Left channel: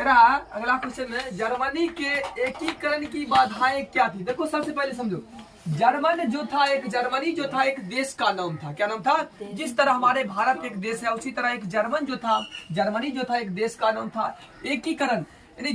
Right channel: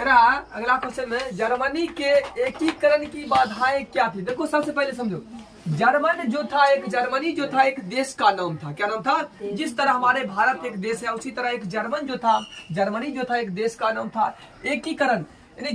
कह रहा अगला क्वेश्चन में जर्मनी के एकीकरण की बाधाएं क्या थी। देखो सबसे पहले समझो, जर्मनी जो था एक देश का नाम था। क्या नाम था? जिस तरह हमारे भारत एक देश है उसी तरह एक जर्मनी जो था एक देश का नाम था। एकीकरण यानी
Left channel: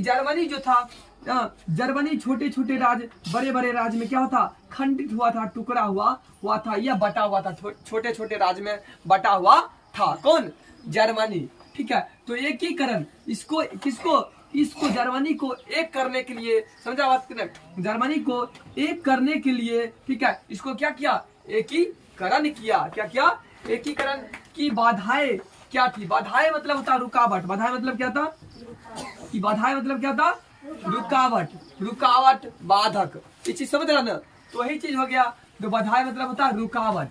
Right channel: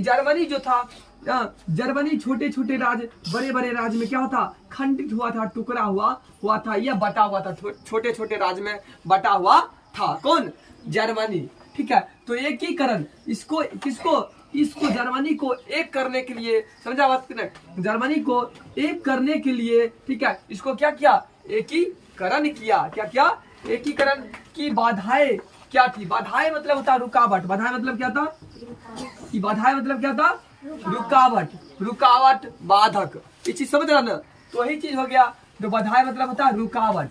जर्मनी छोटे छोटे राज्य बड़े बड़े राज्य में क्या होता, खंडित हुआ था, टुकड़ा हुआ था या बटा हुआ था, छोटे छोटे राज्य में बटा हुआ था। कौन? जर्मनी। ठीक है, तो एकीकरण इसको जर्मनी को एक करने के लिए, समझा बात? जर्मनी को एक करने के लिए, ठीक है, इसको क्या किया? एकीकरण किया। क्या किया? एकीकरण की बाधाएं क्या थी? बाधाएं मतलब होता रुकावट। बाधाएं मतलब क्या था? रुकावट, बाधक। ये चीज समझ रहा ना? तो वही चीज हो गया। तो बाधाएं मतलब होता है रुकावट।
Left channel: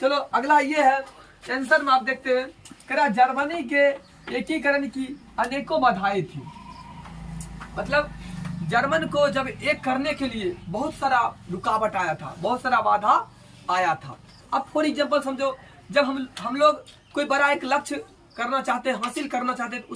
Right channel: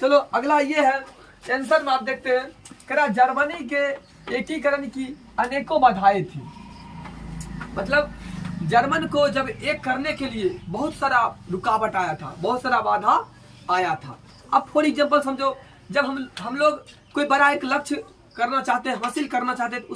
चलो अगला ये है, आंसर में आप देखते हैं, कह रहा जर्मनी के एकीकरण की अनेकों बाधाएं थी। मतलब जर्मन को जब एक करने के लिए बहुत सारा रुकावट आया था, बहुत सारा बाधा आया था। अब फॉर एग्जांपल समझो, जब हम लोग कोई बड़ा एक लक्ष्य करना चाहते हैं, हासिल करना चाहते हैं, तो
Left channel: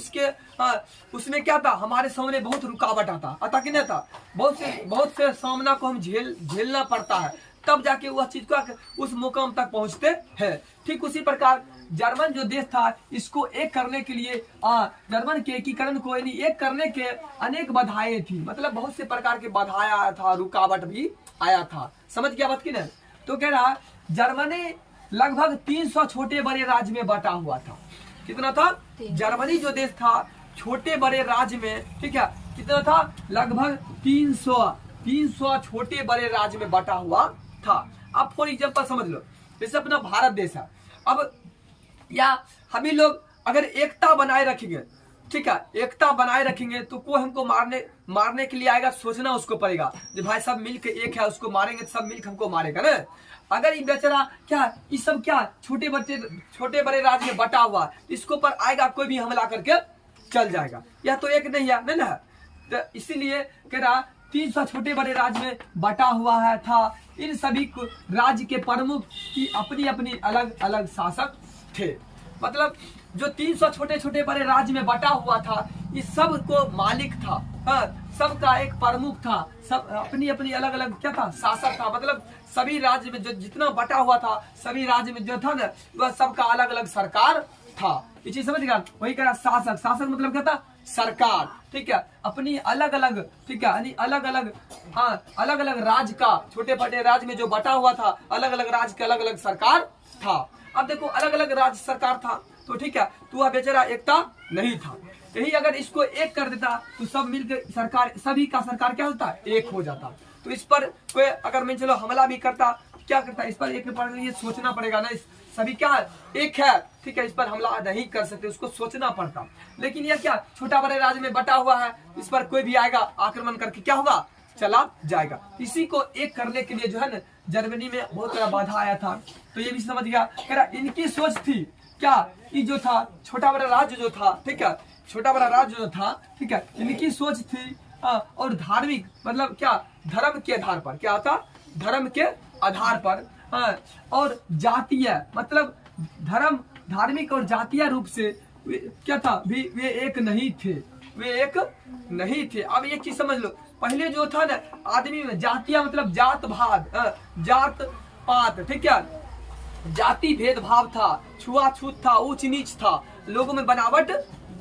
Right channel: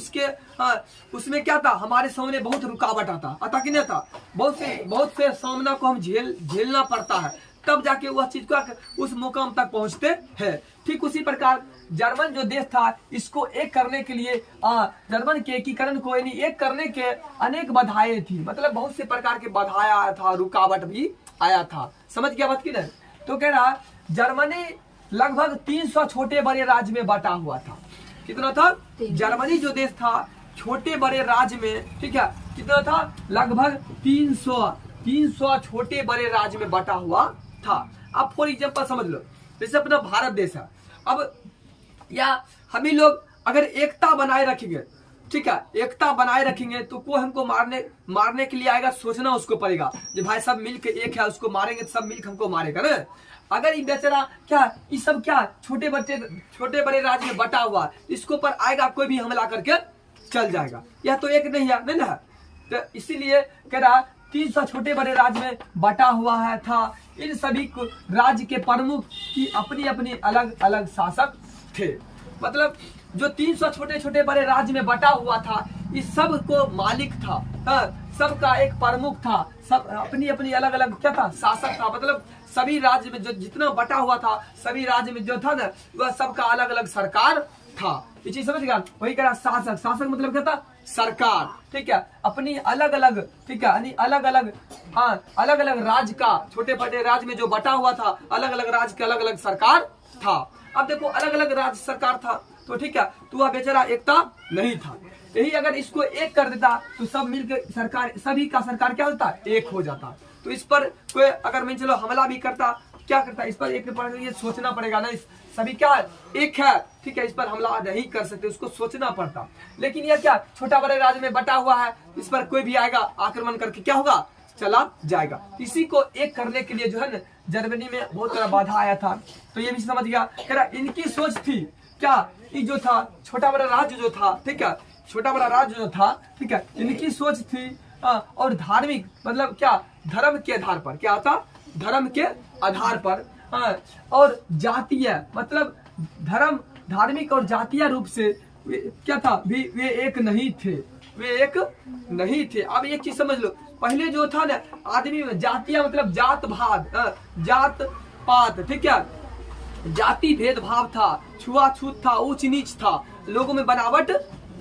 उसमें क्या था, हमारे सामने बहुत रुकावट आता कि नहीं था? बहुत से सामना को हम झेलना पड़ता है, तब जाके वह चीज को उस मुकाम तक पहुंचते हैं। ठीक उसी प्रकार जर्मन जो देश था, इसको एक करने के लिए जर्मन के एकीकरण को यानी एक करने के अनेक बाधाएं थी। मतलब बहुत से प्रकार के बाधाएं आया था, रुकावट भी आया था। समझ गया बात की नहीं? तो कह रहा जर्मनी लगभग 300 छोटे बड़े राज्य में बटा हुआ था। कितना था? जर्मनी जो देश था छोटे बड़े राज्य में, ठीक है, कितना था? लगभग 300 छोटे बड़े राज्य में बटा हुआ था। अब फॉर एग्जांपल समझ लो, जैसे अपना भारत देश है, अब या हम ही लोग अगर एकता बनाए रखेंगे, ठीक है, एकता बनाए रखेंगे, तो कोई हमको मारने के लिए आएगा, सोचना उसको पड़ेगा जो भाई सब मिलके एक है, उसको मारेंगे, सब मिलकर हमको मारेगा ना। अगर ये बेचारा क्या, ये सब क्या छोटे बड़े राज्य में बटा हुआ, इसको पर आएगा कोई भी हमला करके चल जाएगा। यह तो एक नहीं है ना। तो इसीलिए कह रहा 300 छोटे बड़े राज्य में बटा हुआ है था। इन सभी राज्य के प्रमुख की अपनी अपनी अलग अलग शासक थे। मतलब जो 300 छोटे छोटे बड़े राज्य में बटा हुआ था, इस सब को मालिक था, सबका एक प्रमुख था, सब अपनी अपनी अलग अलग क्या था, शासक था। मतलब सभी राज्य में जो जितना बटा हुआ था, सभी राज्य में जो था ना, वह सबका अलग अलग सरकार था। ये चीज समझ गया? वही कह रहा शासक मतलब क्या था? सरकार। ठीक है, अपनी अलग अलग, ठीक है, यानी अलग अलग राज्य का, छोटे बड़े राज्य में जो बटा हुआ था, अलग अलग राज्य का अलग अलग सरकार था। अब देखो अलग अलग राज्य सरकार था, तो ठीक है, तो वह बेचारा एकता नहीं था। यही अगर इसको एक कर देता तो सब मिलकर सरकार, सभी का सरकार क्या होता? एक हो जाता। तो इस पर कोई अगर मैं चलो हमला भी करता, क्या करता? इस पर एक पर ये सोचना पड़ेगा ना, सभी क्या एक है, ठीक है, इस पर हमला नहीं कर सकते, उसको सोचना पड़ता। लेकिन यह क्या छोटा बड़े राज्य में बटा हुआ है, इस पर कोई भी आएगा आक्रमण करके क्या होगा? चला जाएगा। इसी को एक करने के लिए जो है ना, जर्मनी में बहुत सारा बाधा आया था। तो ये भी समझ गया। कह रहा इनकी सोच थी क्या, ये जो था छोटा बड़ा राज्य जो था, ठीक है, छोटा बड़ा राज्य जो था, ठीक है, इनकी सोच थी और धार्मिक मतलब क्या, धर्म के आधार पर, क्या था? धर्म के आधार पर, और जातीय मतलब धार्मिक और जातीय रूप से क्या था? वे एक नहीं थे। अब एक चीज समझ लो, पहले जो था ना आदमी में जातीय मतलब जात पात, ठीक है, जाति भेदभाव था, छुआछूत था, ऊंच नीच था, लोगों में बनावट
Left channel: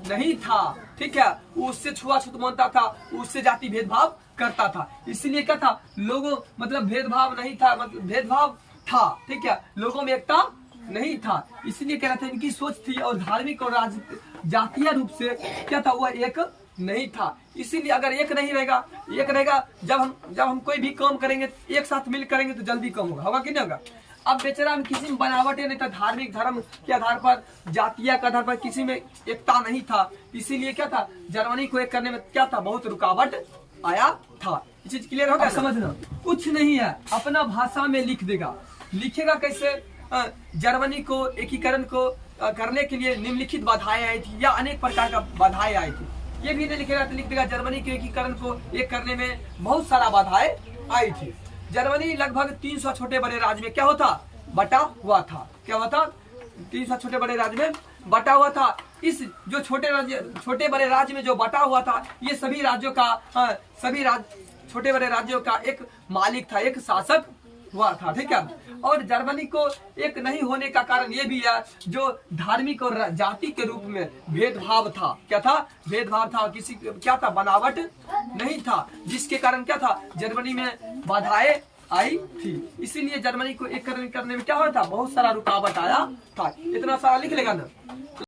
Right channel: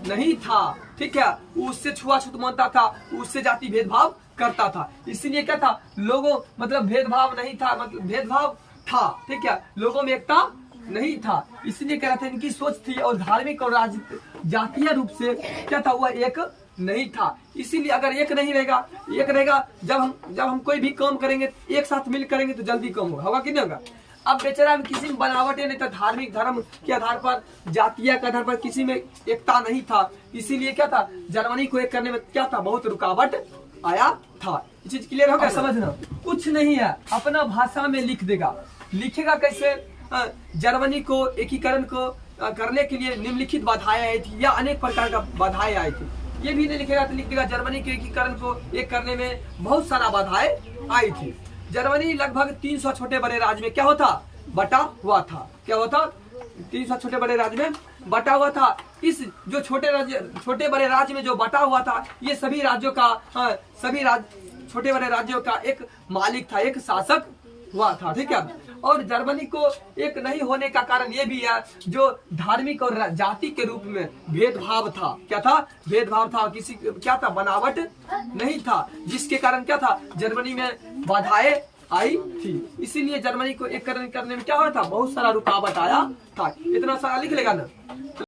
नहीं था, ठीक है, उससे छुआछूत मानता था, उससे जाति भेदभाव करता था। इसलिए क्या था? लोगों मतलब भेदभाव नहीं था, मतलब भेदभाव था, ठीक है, लोगों में एकता नहीं था। इसलिए कह रहा था इनकी सोच थी और धार्मिक और जातीय रूप से क्या था? वह एक नहीं था। इसीलिए अगर एक रहेगा, जब हम कोई भी काम करेंगे एक साथ मिल करेंगे तो जल्दी काम होगा कि नहीं होगा? अब बेचारा में किसी में बनावट नहीं था, धार्मिक धर्म के आधार पर, जातीय के आधार पर किसी में एकता नहीं था। इसीलिए क्या था? जर्मनी को एक करने में क्या था? बहुत रुकावट आया था। ये चीज क्लियर होगा? समझना कुछ नहीं है, अपना भाषा में लिख देगा। लिखेगा कैसे? जर्मनी को एकीकरण को करने के लिए निम्नलिखित बाधाएं आई थी या अनेक प्रकार का बाधाएं आई थी। ये भी नहीं लिखेगा तो लिख देगा जर्मनी के एकीकरण को एक करने में बहुत सारा बाधाएं आई थी। जर्मनी लगभग 300 छोटे बड़े राज्य में क्या होता? बटा हुआ था। क्या होता? 300 छोटे बड़े राज्य में बटा हुआ था, इस जो छोटे बड़े राज्य में जो बटा हुआ था, ये सभी राज्यों का छोटे बड़े राज्यों का एक मालिक था, एक शासक हुआ था, ठीक है। और जर्मनी को एक नहीं होने का कारण ये भी है, जो धार्मिक और जाति के रूप में भेदभाव था। क्या था? भेदभाव था, किसी क्या था? बनावट नहीं था, जिसके कारण क्या था? जर्मनी में बाधाएं आई थी। इसीलिए जर्मनी को एक करने में क्या हो रहा था? बहुत सारा रुकावट आया था। इतना सारा लिख लेगा ना।